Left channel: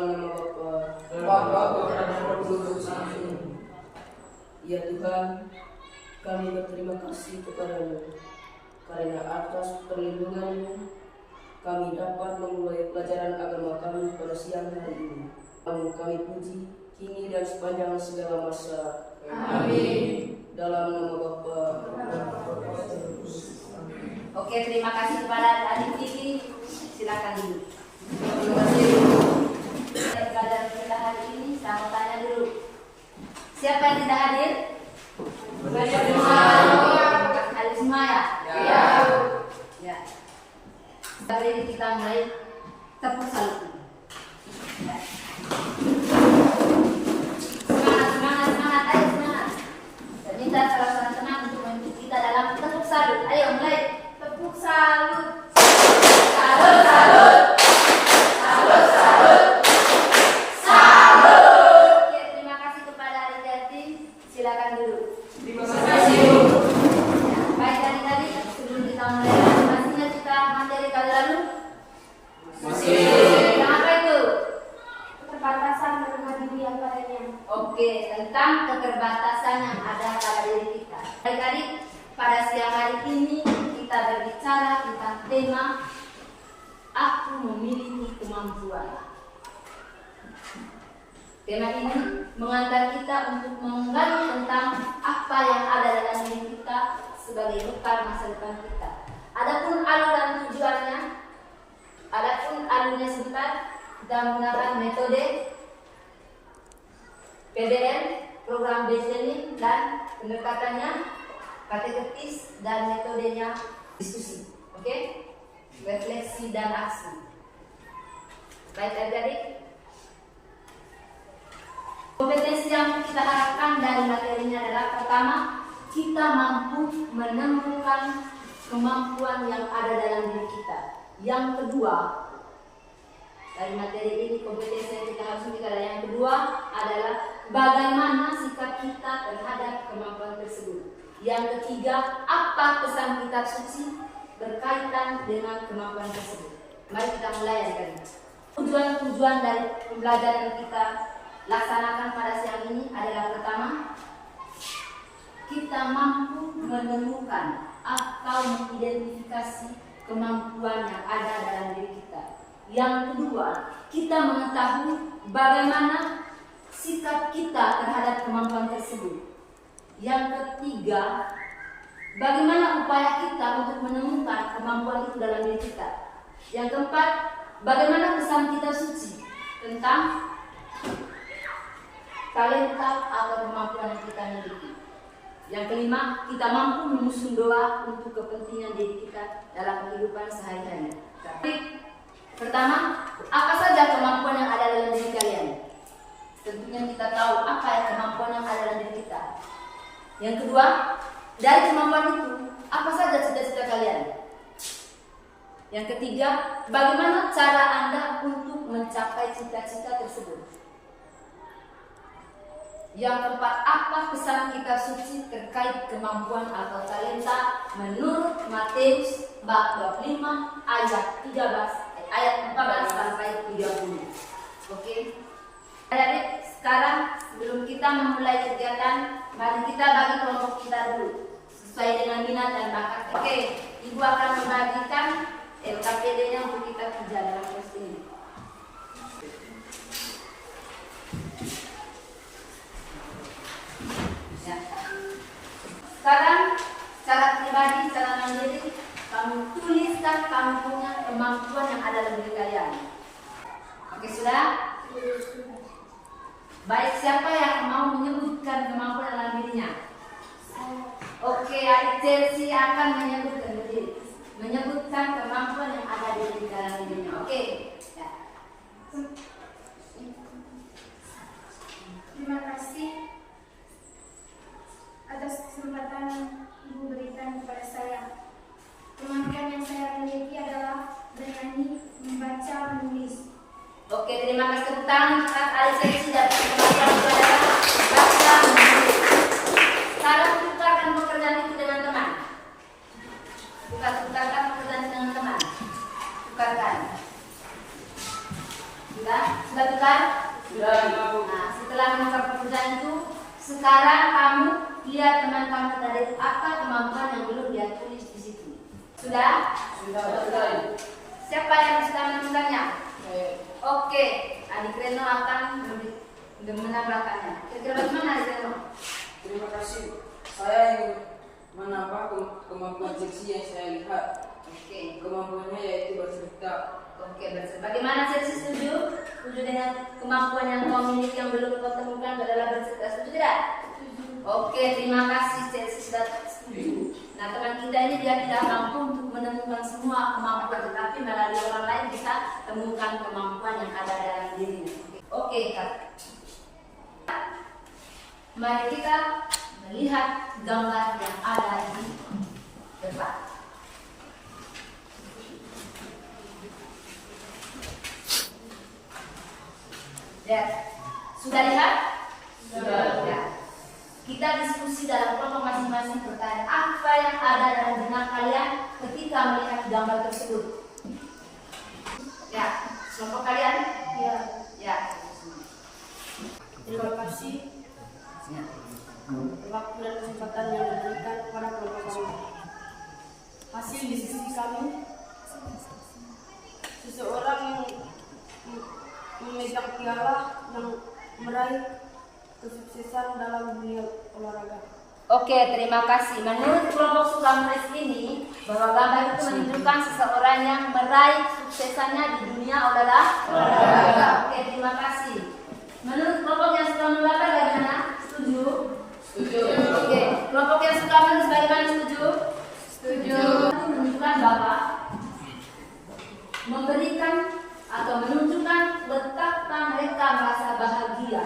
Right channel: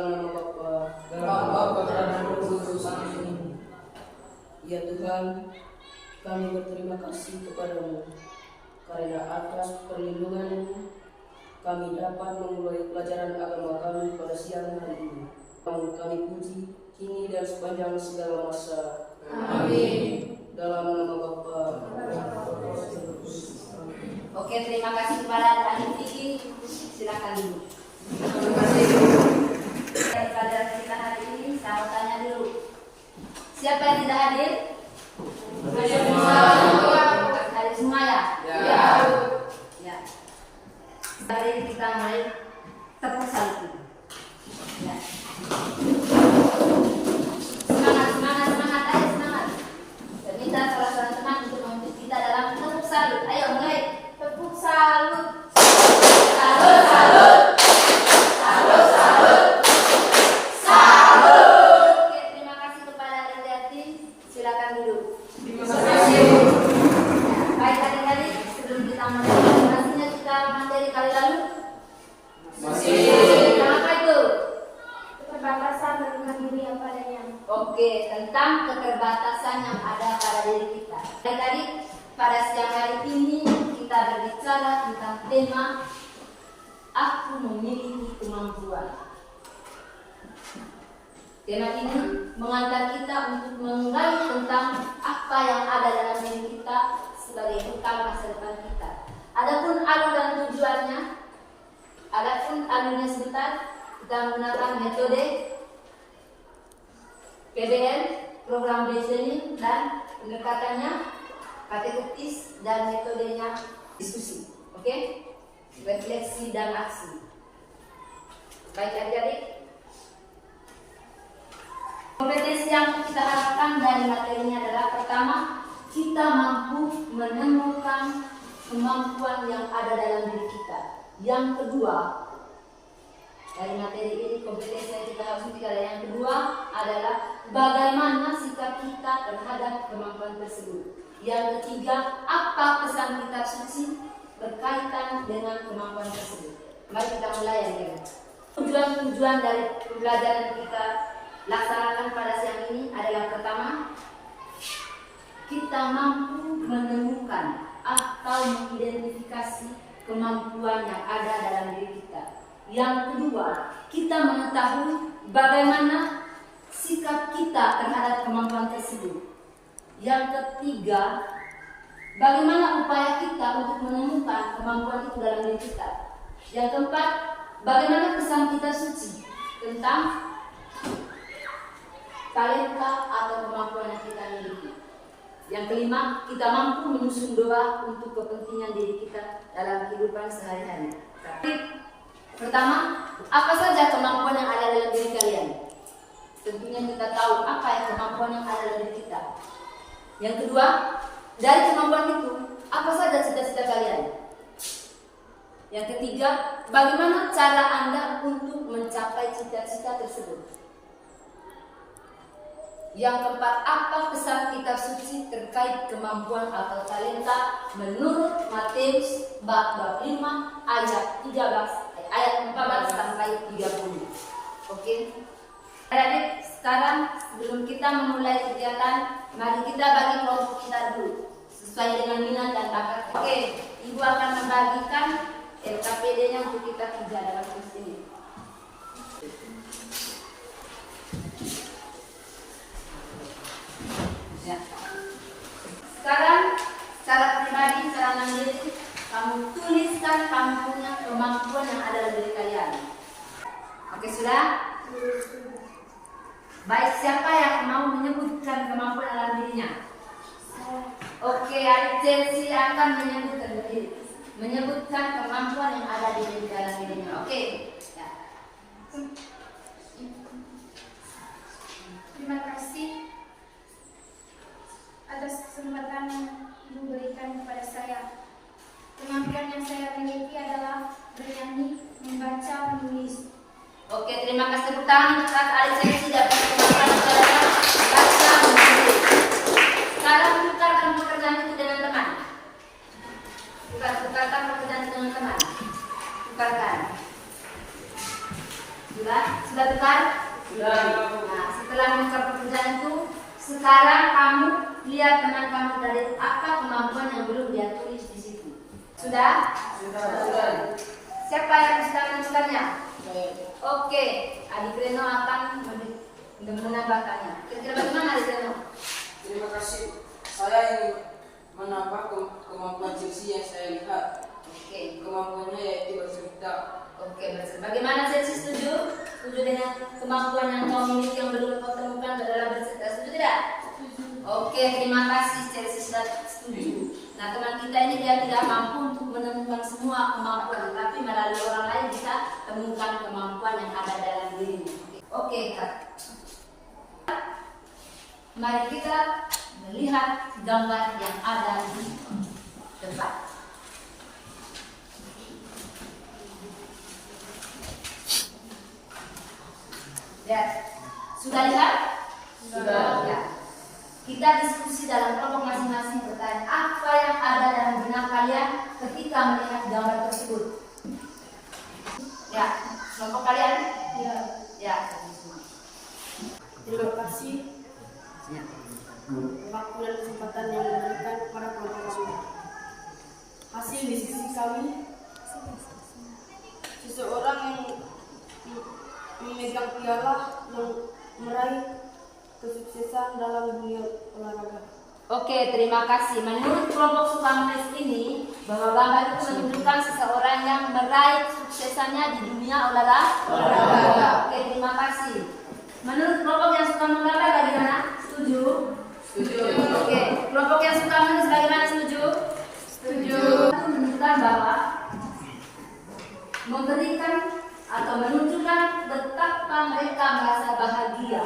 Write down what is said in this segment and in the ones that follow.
Dalam nama Bapa dan Roh Kudus. Amin. Ya Tuhan, kami berterima kasih kepadamu karena atas perlindungan-Mu kami dapat memulai pelajaran agama kami pada siang hari ini. Kami puji kini dan sepanjang segala masa. Amin. Dalam nama Bapa. Oke, terima kasih kepada adik Vicky. Silakan dulu. Terima kasih. Pelajaran kita hari ini, saya mau tanya dulu. Siapa yang tidak hadir? Hadir semua ya? Ya. Ya. Hari ini kita mulai tepuk salut. Ya. Semangat, ayo semangat. Saya minta saudara-saudara tenang untuk memimpin kita dalam tepuk salut. Ayo mulai tepuk salut. Salut, salut. Salut, salut. Salut. Oke, terima kasih kepada Rijati. Silakan dulu. Terima kasih. Baik adik-adik, sebelum kita mulai masihnya kita materi kali lalu. Masih. Tentang apa itu? Keterbatasan menerima diri yang padanya. Oke, tentang keterbatasan yang ada pada diri kita. Adik-adik, pada siang hari ini kita berbicara tentang tema Aku Memiliki Kemampuan. Tema ini mengantar kita untuk menggali tentang apa yang ada dalam diri kita sebagai bekal masa depan kita. Adapun alur dan tujuannya, adapun alurnya sebentar, kita menggunakan metode PBL, program based learning, dan pendekatannya kateketis dan metodenya diskusi. Oke? Refleksi dan aksi. Baik adik-adik. Kompetensi yang kita harapkan dari materinya adalah pertama, kita mampu menemukan kemampuan yang ada dalam diri kita. Yang kedua, dari materi ini kompetensi yang kita harus miliki adalah yang kedua adalah bagaimana sikap kita terhadap kemampuan tersebut. Yang ketiga, apa pesan kitab suci berkaitan dengan kemampuan tersebut. Mari kita mulai ya kan. Tujuan-tujuan dari pembelajaran yang kita laksanakan pada siang ini adalah pertama, kita mampu menemukan atau mengidentifikasi kemampuan yang ada dalam diri kita. Yang kedua, kita mengetahui bagaimana sikap kita terhadap kemampuan tersebut. Yang ketiga, bagaimana upaya kita untuk menemukan kemampuan itu dalam diri kita. Yang keempat, bagaimana pesan kitab suci tentang talenta atau kemampuan yang kita miliki. Yang kelima, kita mampu menyusun doa untuk kepentingan diri kita dalam kehidupan sehari-hari. Pertama, apa saja kemampuan yang ada dalam diri kalian? Tentunya kita tahu apa yang kemampuan yang ada dalam diri kita. Yang kedua, dari kemampuan itu, apa saja cita-cita kalian? Yang ketiga, bagaimana cara Anda untuk mencapai cita-cita tersebut? Yang keempat, apa pesan kitab suci terkait kemampuan atau talenta menurut Matius bab 25 ayat 14 sampai 30. Oke. Adik, sekarang sebelum kita memulai kegiatan, mari kita bagi kelompok kita dulu sesuai dengan minat dan bakat. Oke, Ibu akan membagikan LKPD-nya untuk kita kerja dalam kelas ini. Ya. Sekarang secara pribadi, secara mandiri, kamu tuliskan kamu punya kemampuan yang ada dalam diri kalian. Oke, sudah? Baik, siapa yang mau menyebutkan kemampuan dalam dirinya? Oke, adik Chelsea akan menyebutkan kemampuan yang ada di dalam dirinya. Oke. Ya. Terima kasih atas kesempatan yang Ibu berikan kepada saya. Kemampuan yang saya miliki adalah bernyanyi, membaca, menulis. Oke, terima kasih tepuk tangan atas adik Chelsea dapat kemampuan saudara baca menulis. Sekarang tukarkan pekerjaan itu dengan teman. Tukarkan pekerjaan dengan teman. Tukarkan. Sudah? Sudah tukar? Sudah. Nah, setelah menukar pekerjaan itu, sekarang kamu lihat teman kamu tadi itu apa kemampuan yang belum dia tulis di situ. Sudah? Sudah. Siapa yang sudah menuliskannya? Saya. Oke, Adik Reno akan menambahkannya. Kira-kira bagaimana Adik Reno? Terima kasih. Saya ingin menambah kemampuan Chelsea yang saya lihat. Oke. Kemampuannya yaitu bercerita. Oke, bagaimana Chelsea setuju? Setuju dengan kemampuan yang kau miliki yang belum kau temukan adalah bercerita. Setuju tidak? Oke, terima kasih Chelsea sudah setuju. Nah, teman kita ini dia tidak mampu untuk menemukan semua kemampuan, tetapi melalui orang lain bisa temukan kemampuan yang ada dalam dirinya. Oke, Kak. Mari kita melihat gambar yang ada di depan. Ya, sudah lihat? Sudah. Ya. Kita diskusi dalam kelompok masing-masing bertanya apa yang ada dalam benak kalian ketika melihat gambar tersebut. Ya, kelompok kalian? Ya. Ya. Terima kasih waktu dan kesempatan yang diberikan kepada kelompok kami. Hasil diskusi kami, seseorang yang memegang piala yang meraih kesuksesan dalam dunia olahraga. Oke, terima kasih. Menurut kelompok suka menulis ini, bahwa gambar itu menunjukkan seseorang yang meraih kesuksesannya di dunia olahraga. Terima kasih. Menurut kelompok yang suka menggambar bagaimana? Setuju? Setuju. Oke, kelompok yang suka menulis bagaimana? Setuju? Setuju. Itu menunjukkan bahwa memberikan atau menunjukkan betapa mereka merasa bahagia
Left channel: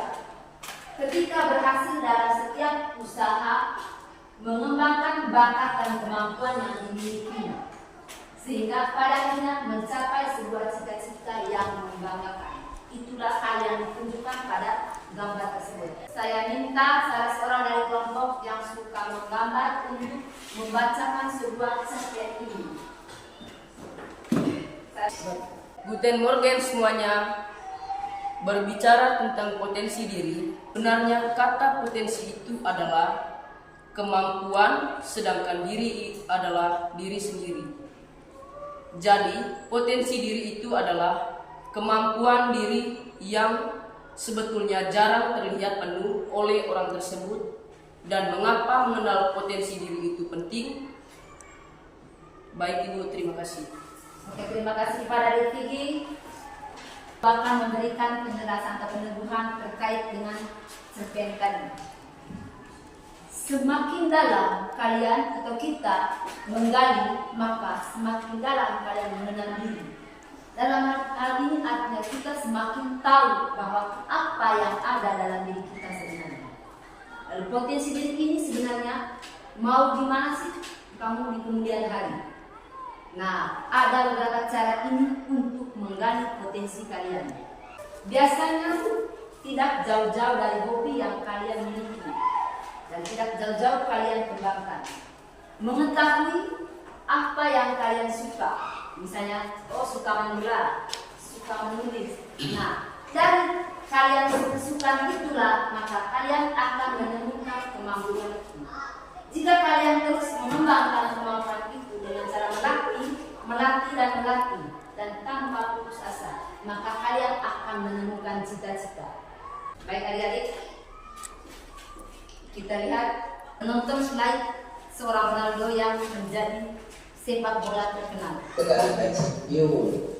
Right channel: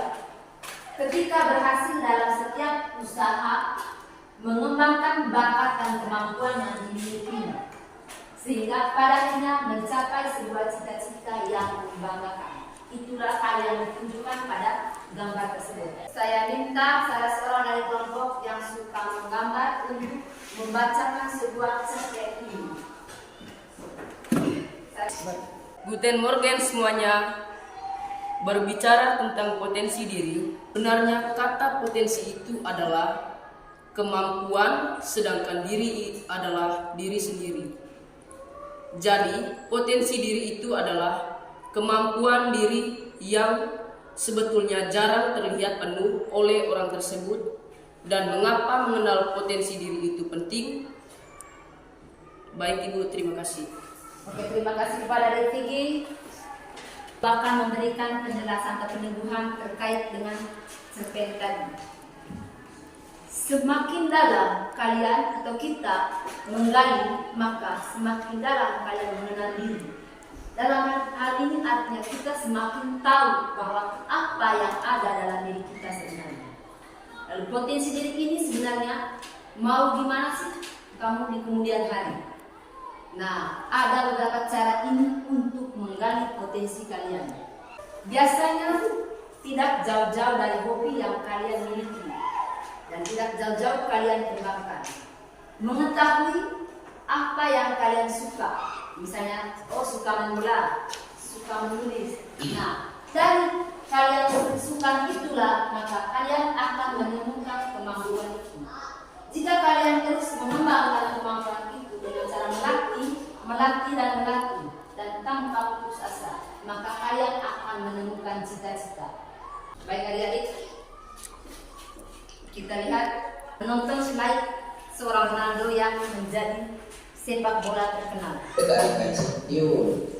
ketika berhasil dalam setiap usaha mengembangkan bakat dan kemampuan yang dimilikinya, sehingga pada akhirnya mencapai sebuah cita-cita yang membanggakan. Itulah hal yang ditunjukkan pada gambar tersebut. Saya minta salah seorang dari kelompok yang suka menggambar untuk membacakan sebuah cerpen ini. Guten Morgen semuanya. Berbicara tentang potensi diri, benarnya kata potensi itu adalah kemampuan, sedangkan diri adalah diri sendiri. Jadi, potensi diri itu adalah kemampuan diri yang sebetulnya jarang terlihat penuh oleh orang tersebut. Dan mengapa mengenal potensi diri itu penting? Baik Ibu, terima kasih. Oke, terima kasih kepada Rifiki. Akan memberikan penjelasan atau peneguhan terkait dengan cerpen tadi. Semakin dalam kalian atau kita menggali, maka semakin dalam kalian mengenal diri. Dalam hal ini artinya kita semakin tahu bahwa apa yang ada dalam diri kita sebenarnya. Lalu potensi diri ini sebenarnya mau gimana sih kamu di kemudian hari? Nah, ada beberapa cara ini untuk menggali potensi kalian. Biasanya tidak jauh-jauh dari hobi yang kalian miliki dan tidak jauh-jauh kalian kembangkan. Mengetahui apa yang kalian suka, misalnya, suka main bola, suka menulis. Nah, dari kalian suka itulah maka kalian akan menemukan kemampuan itu. Jika kalian terus mengembangkan kemampuan itu dengan cara melatih dan tanpa putus asa, maka kalian akan menemukan cita-cita. Baik adik-adik, kita lihat penonton slide seorang Ronaldo yang menjadi sepak bola terkenal. Yuk.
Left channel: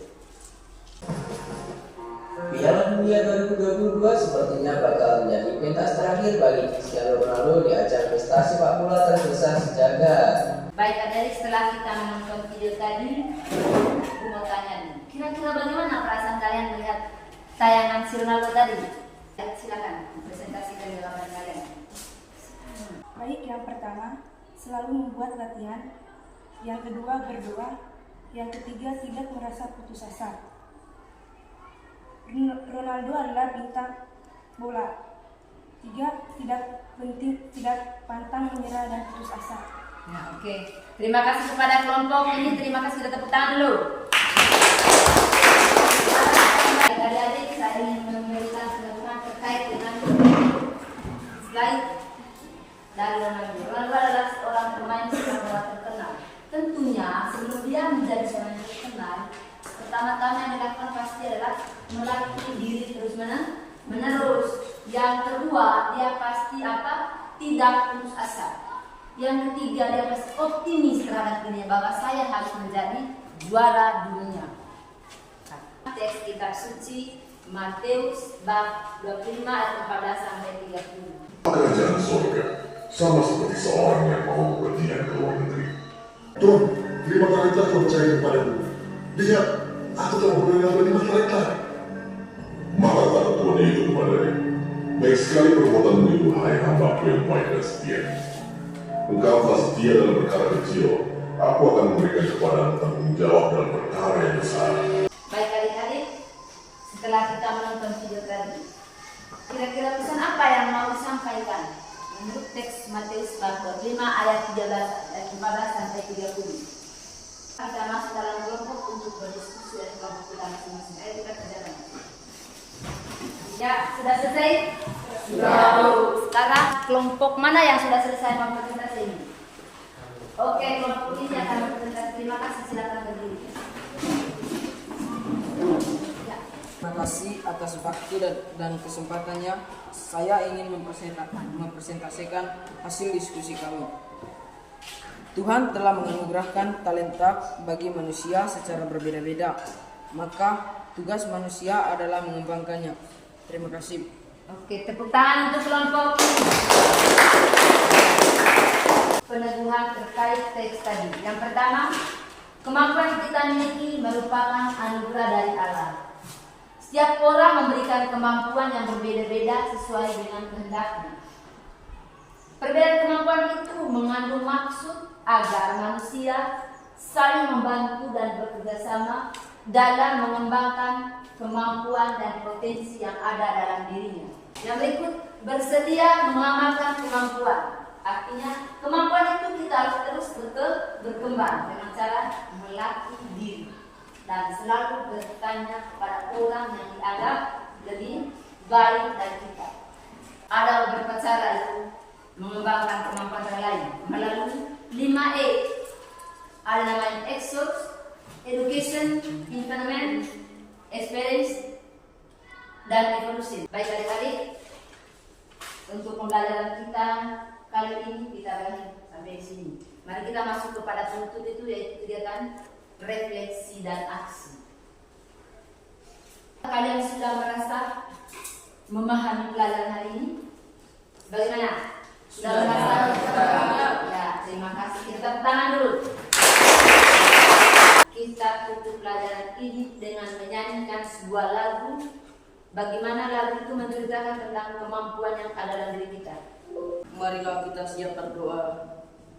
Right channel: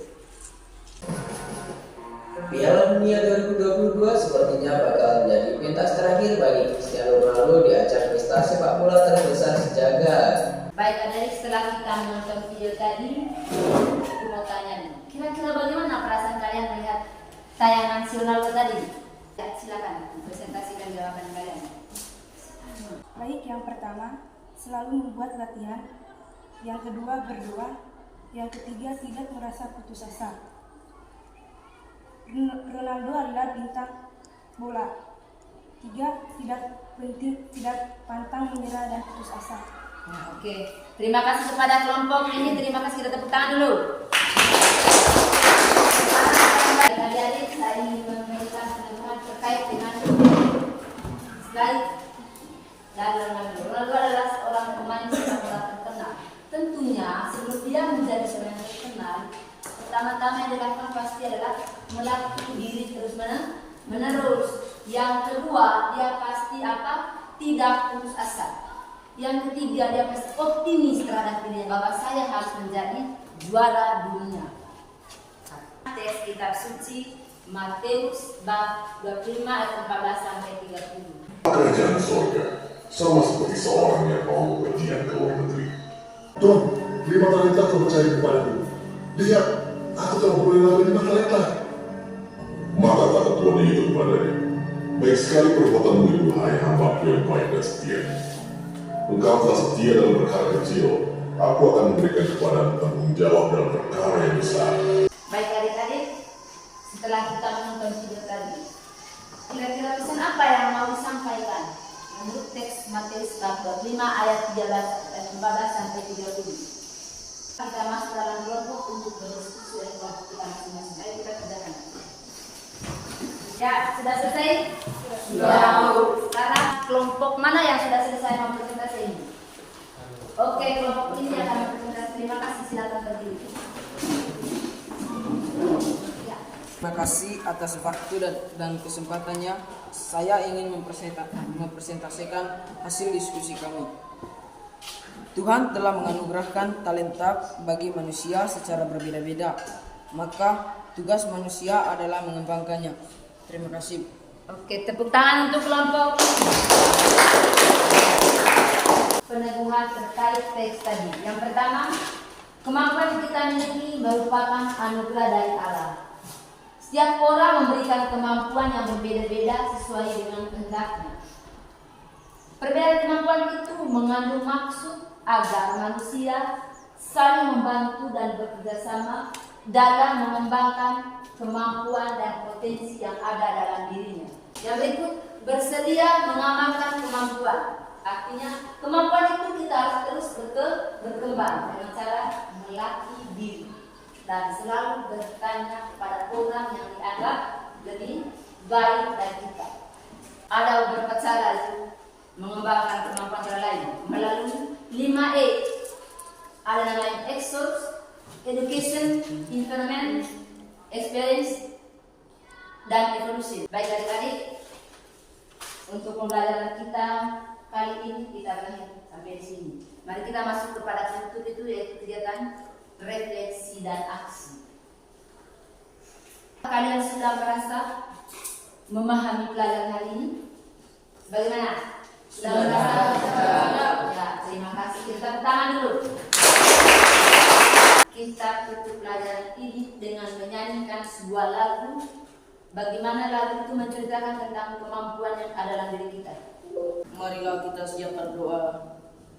Piala Dunia 2022 sepertinya bakal menjadi pentas terakhir bagi Cristiano Ronaldo di ajang pesta sepak bola terbesar sejagat. Baik adik, setelah kita menonton video tadi, aku mau tanya nih, kira-kira bagaimana perasaan kalian melihat tayangan si Ronaldo tadi? Ya, silakan presentasikan jawaban kalian. Baik, yang pertama, selalu membuat latihan. Yang kedua, berdoa. Yang ketiga, tidak merasa putus asa. Ronaldo adalah bintang bola. 3, tidak pantang menyerah dan putus asa. Nah, oke. Terima kasih kepada kelompok ini. Terima kasih, kita tepuk tangan dulu. Baik adik-adik, saya ingin memberikan penemuan terkait dengan slide dari Ronaldo. Ronaldo adalah seorang pemain sepak bola terkenal. Tentunya sebelum dia menjadi seorang yang terkenal, pertama-tama yang dilakukan pasti adalah melatih diri terus menerus. Yang kedua, dia pasti tidak putus asa. Yang ketiga, dia pasti optimis terhadap dirinya bahwa saya harus menjadi juara dunia. Teks kitab suci Matius bab 25 ayat 14 sampai 30. Kerajaan surga sama seperti seorang yang mau bepergian ke luar negeri. Tuhan, 5 talenta kau percaya kepadamu. Lihat, aku telah beroleh 5 talenta. Maka kata Tuhan itu kepadanya, baik sekali perbuatanmu itu, hai hamba-Ku yang baik dan setia. Engkau telah setia dalam perkara kecil, aku akan memberikan kepadamu tanggung jawab dalam perkara yang besar. Baik adik-adik, setelah kita menonton video tadi, kira-kira pesan apa yang mau disampaikan menurut teks Matius bab 25 ayat 14 sampai 30? Kita masuk dalam kelompok untuk berdiskusi dengan kelompok kita masing-masing. Ayo kita kerjakan. Ya, sudah selesai? Sudah. Sekarang kelompok mana yang sudah selesai mempresentasi ini? Oke, kelompok ini akan mempresentasi. Terima kasih, silakan berdiri. Ya. Terima kasih atas waktu dan kesempatannya. Saya ingin mempresentasikan hasil diskusi kami. Tuhan telah menganugerahkan talenta bagi manusia secara berbeda-beda, maka tugas manusia adalah mengembangkannya. Terima kasih. Oke, tepuk tangan untuk kelompok peneguhan terkait teks tadi. Yang pertama, kemampuan kita miliki merupakan anugerah dari Allah. Setiap orang memberikan kemampuan yang berbeda-beda sesuai dengan kehendaknya. Perbedaan kemampuan itu mengandung maksud agar manusia saling membantu dan bekerja sama dalam mengembangkan kemampuan dan potensi yang ada dalam dirinya. Yang berikut, bersedia mengamalkan kemampuan. Artinya, kemampuan itu kita harus terus berkembang dengan cara melatih diri dan selalu bertanya kepada orang yang dianggap lebih baik dari kita. Ada beberapa cara itu mengembangkan kemampuan lain melalui 5E. Ada namanya exercise, education, environment, experience, dan evolusi. Baik adik-adik, untuk pembelajaran kita kali ini kita berakhir sampai di sini. Mari kita masuk kepada penutup itu, yaitu kegiatan refleksi dan aksi. Kalian sudah merasa memahami pelajaran hari ini? Bagaimana? Sudah merasa? Ya, terima kasih. Kita tangan dulu. Kita tutup pelajaran ini dengan menyanyikan sebuah lagu. Bagaimana lagu itu menceritakan tentang kemampuan yang ada dalam diri kita. Marilah kita siap berdoa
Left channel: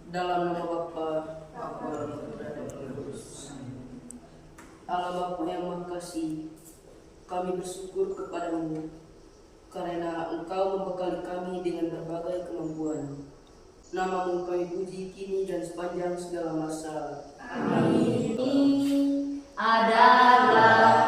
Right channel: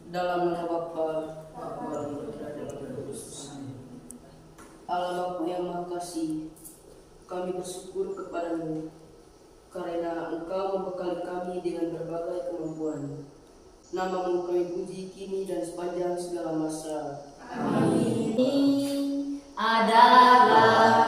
dalam nama Bapa, Allah Bapa yang Maha Kasih, kami bersyukur kepadamu karena Engkau membekali kami dengan berbagai kemampuan. Namamu kami puji kini dan sepanjang segala masa. Amin. Adalah